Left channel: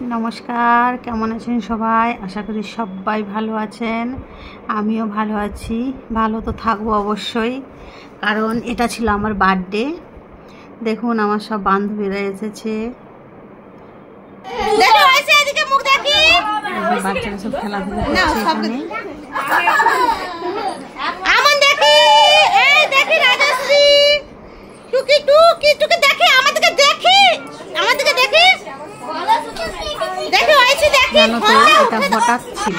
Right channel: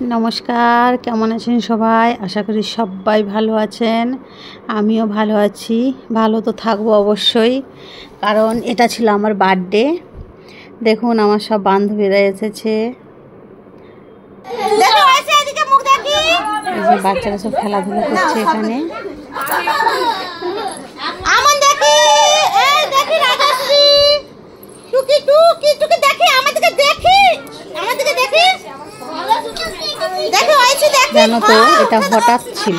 নমস্কার, কেমন আছেন সবাই? আশা করি সবাই ভালো আছেন। আমিও ভালো আছি। ভালো তো থাকবো অবশ্যই, কারণ এটা ছিল আমার বার্থডে। দেখুন আমার সব বান্ধবীরা এসেছে, বাচ্চারা সব খেলাধুলা করছে এখানে। জানো তো, এটা হঠাৎ ছিল।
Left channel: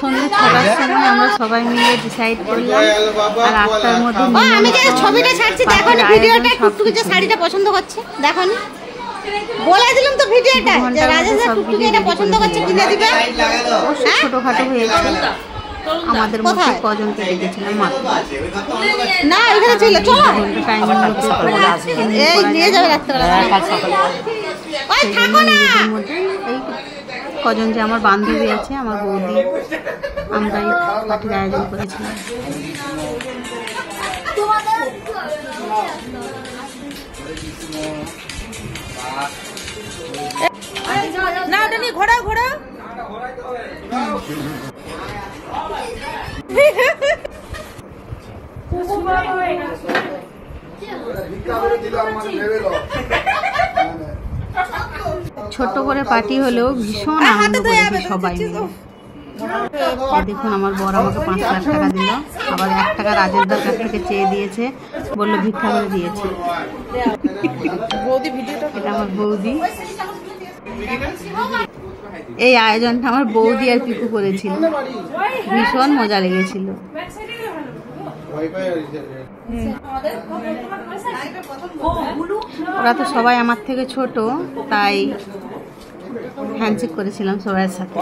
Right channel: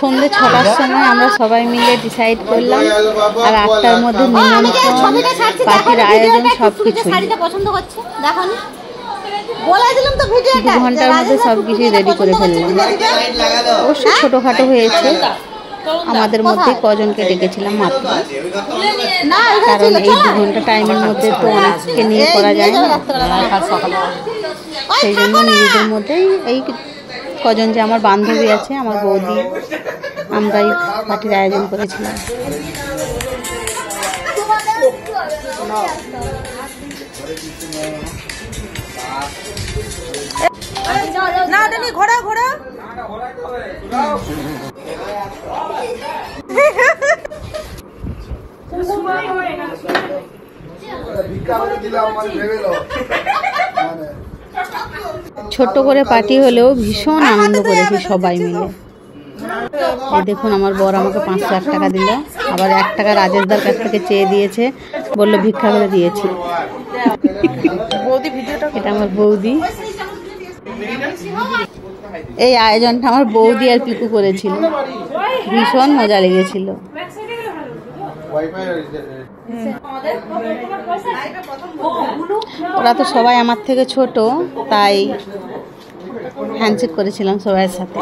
সন্ধ্যে 6টার সময় আমরা সবাই মিলে ডিসাইড করলাম, আর 8টার মধ্যে নিমন্ত্রণ, পার্টির আয়োজন সবকিছু। ঘন্টার মধ্যে সবকিছু রেডি করে ফেললাম। অবশ্যই ছোটোখাটো হয়েছে, আমাদের মধ্যে কজনকে ডেকেছিলাম মাত্র। কারণ এই 2 ঘন্টা টাইমের মধ্যে তো আজকে নিয়ে করা যায় না, সকালে। সেই জন্য নিজেদের মধ্যেই এই কজন যে আমার বান্ধবী আছে, আমার বৌদি, আমরাই পার্টির আয়োজন করেছিলাম। না তুমি ঘোরা ঘোরা ছোট্ট করে পার্টি হলেও ভীষণ আনন্দ করেছি সবাই মিলে। দেখুন আমার বর আমাকে 5 লাখ টাকা দিল, আবার 1 টাকা রাজেশদার কাছ থেকে চেয়ে দিয়েছে, বললো ভিক্ষা করে দিয়েছি। এটা আমার বৌদি। এই আয়োজনটা আমার বৌদি আর পিকু করেছিল, ভীষণ মজা লেগেছিল। ওরা তো সবাই আমার থেকে ছোট, তাই হ্যান্ডশেক করেছিলাম সবার সাথে।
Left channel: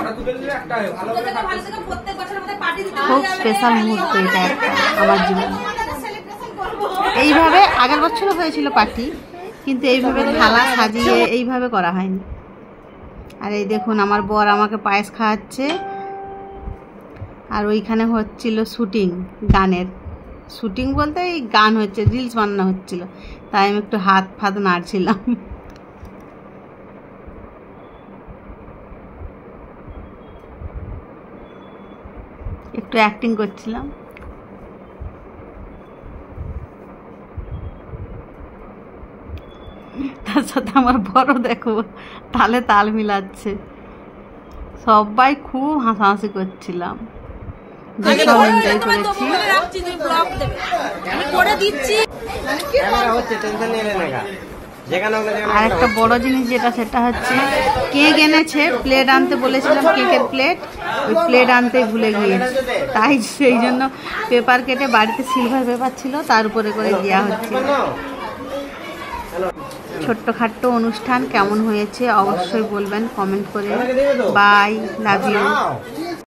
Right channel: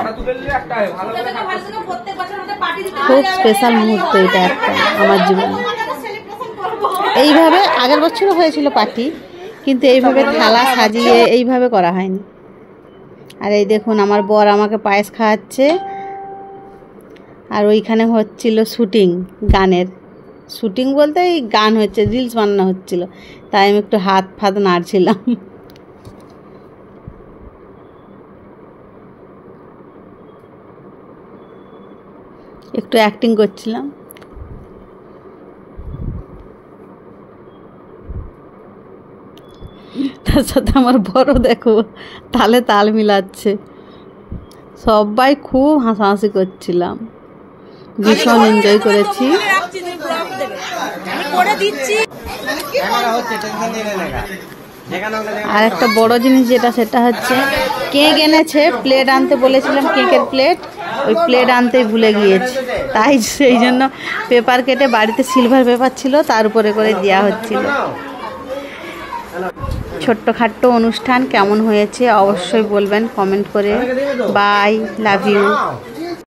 খুব স্পেশাল মুহূর্ত এটা একটা আমার জীবনে। এইভাবে আগের বছরও হয়েছিল পার্টি, কিন্তু এইভাবে থালা সাজিয়ে এইভাবে করা হয়নি। আর এই দেখুন আমার বর আমাকে পায়েস খাওয়াচ্ছে, আর ওইখানে হচ্ছিল শুটিং, গানের শুটিং বলতে এই গান হচ্ছে, রিলস বানানো হচ্ছিল, তাই আমি একটু হাত ফাত নাড়ছিলাম। একটু অ্যাক্টিং করছিলাম। তার সাথে আমার বড় দেখো তালে তাল মিলাচ্ছে। সবাই খুব হাসাহাসি করছিলাম, ভীষণ এনজয় করেছি। আর একটা বড় জিনিস যেটা, সেটা হচ্ছে কেক এনেছে। প্লেট আনতে বলেছিলাম, কেকের প্লেট, ওই প্লেট আনতেই ভুলে গিয়েছি, তাই সেই জন্য পেপার কেটে, বাড়িতে সিলভার পেপার ছিল, তার উপরে করে দেওয়া হচ্ছিল। ছোট্টখাট্ট অনুষ্ঠান কেমন হয়েছে অবশ্যই বলবেন কমেন্ট করে। Bye, love you.